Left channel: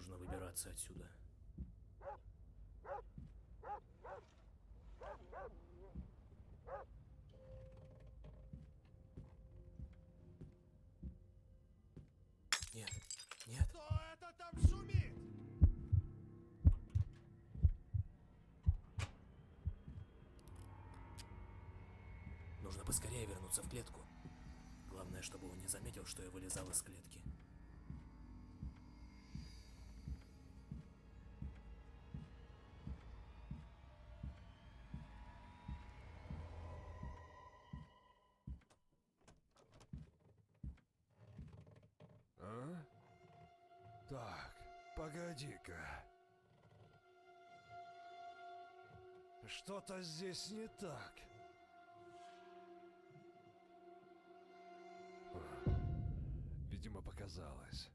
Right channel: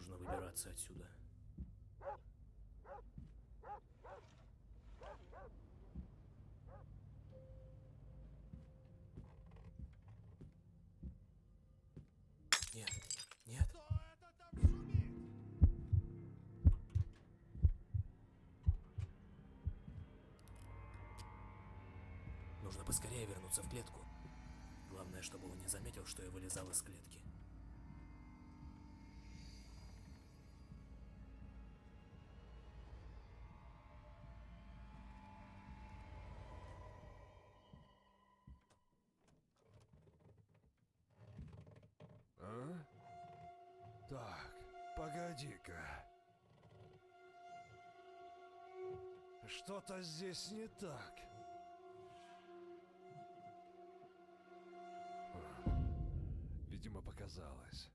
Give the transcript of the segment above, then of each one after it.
нужно выбираться отсюда. Нет, нет. Кто это там шумит? Нужно поскорее вернуться в клетку. Главное, чтобы он не заметил, что я вылезал из клетки. А? Так, погоди-ка. Что-то здесь не так. Видимо, показалось.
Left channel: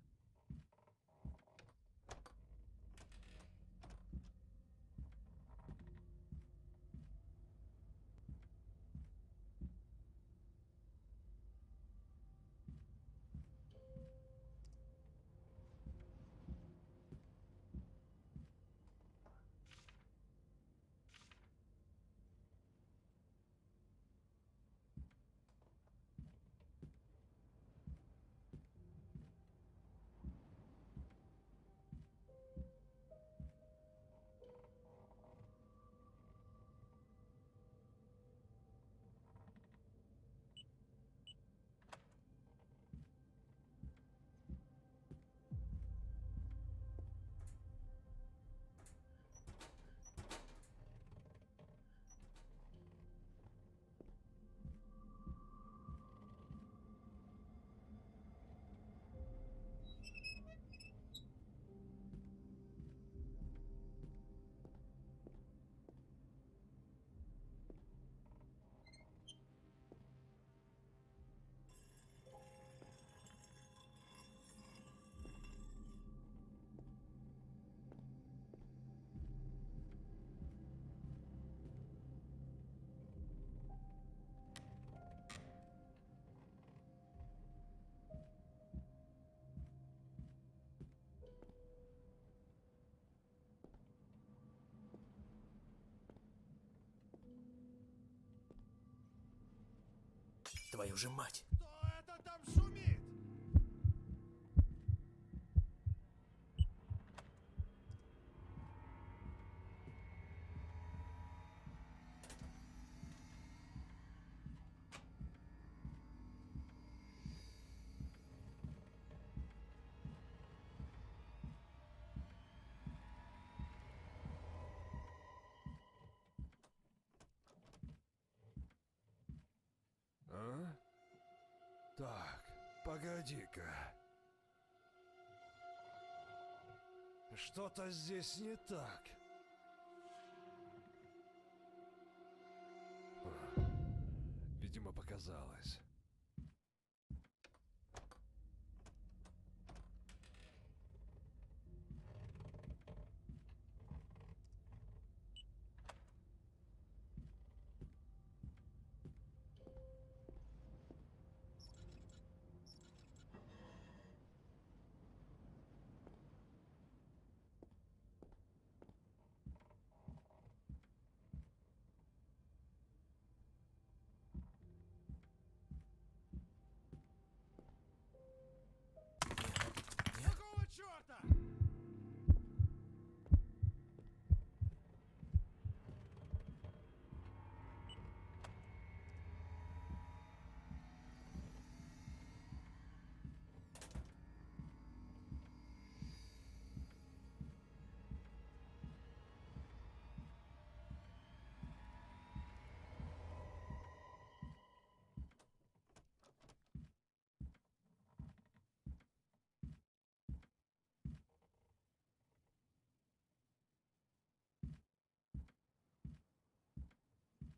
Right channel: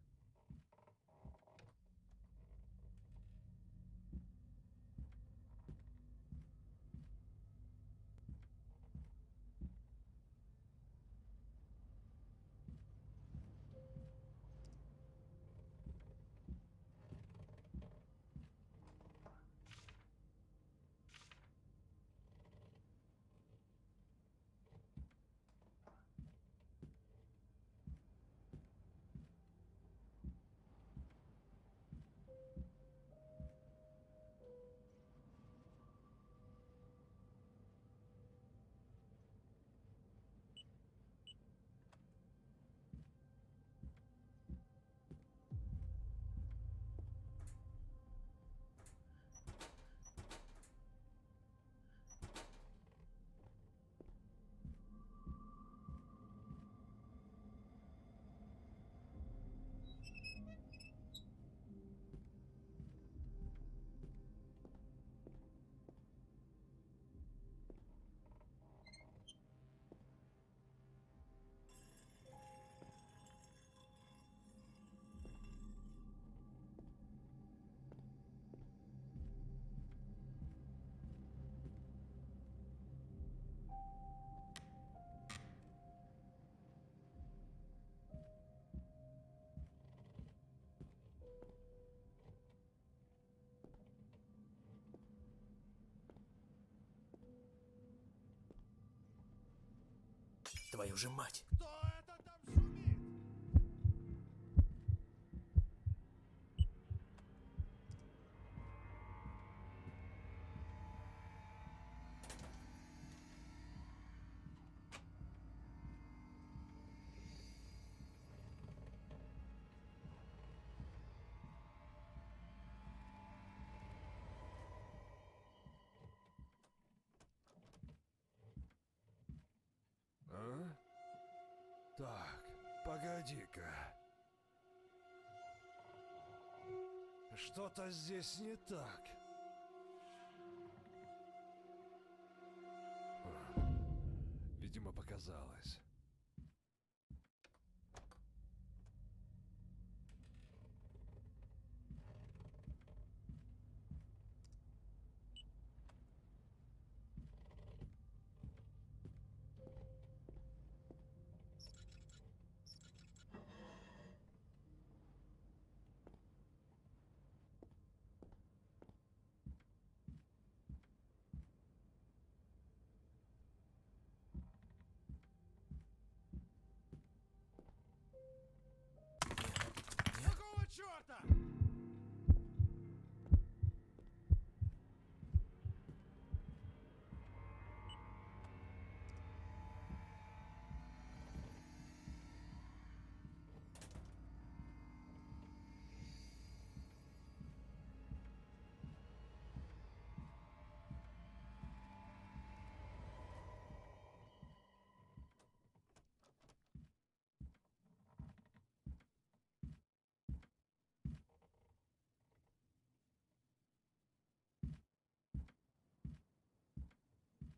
Твою же мать! Кто это там шумит? А? Так, погоди-ка. Что-то здесь не так. Видимо, показалось. Нет. Какого черта?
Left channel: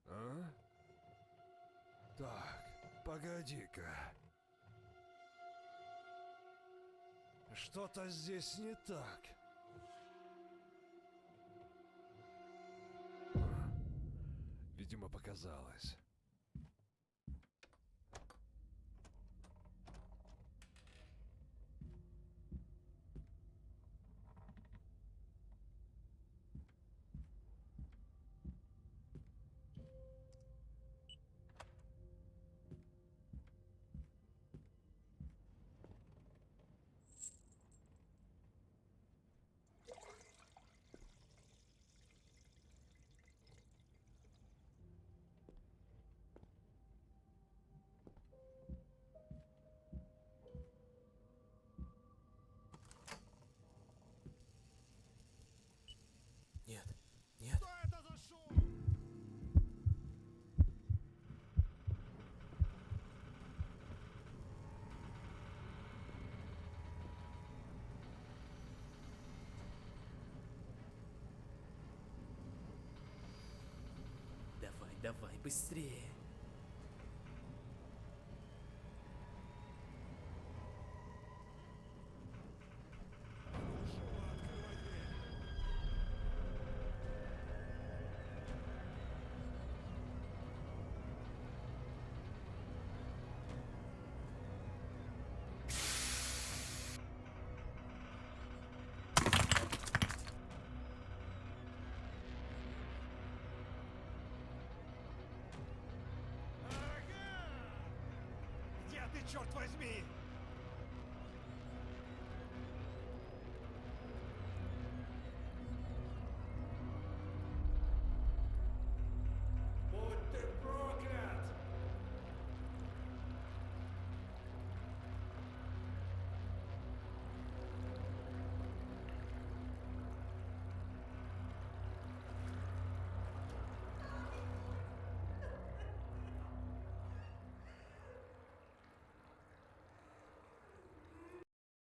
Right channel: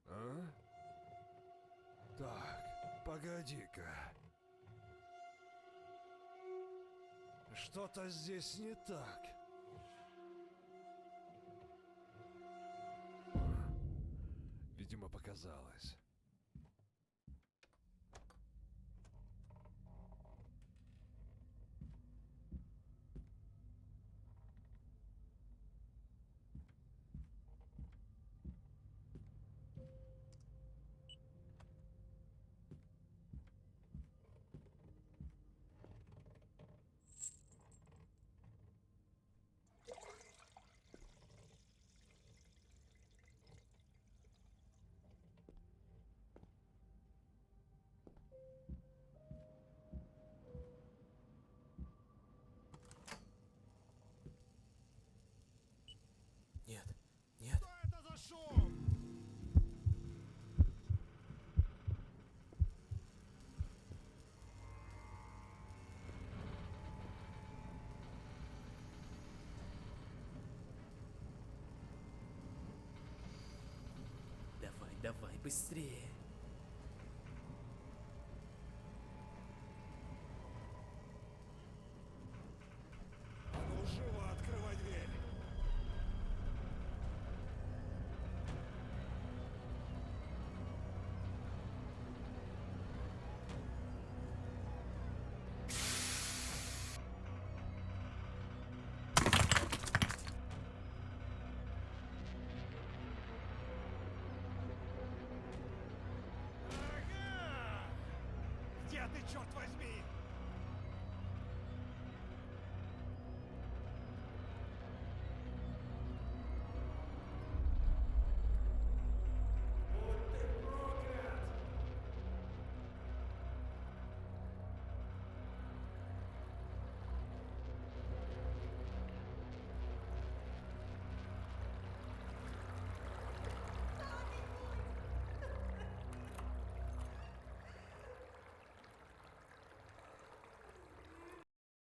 А? Так, погоди-ка. Что-то здесь не так. Видимо, показалось. Давай быстрее. А ну живо открывай дверь! Ага! Где ты, черт возьми?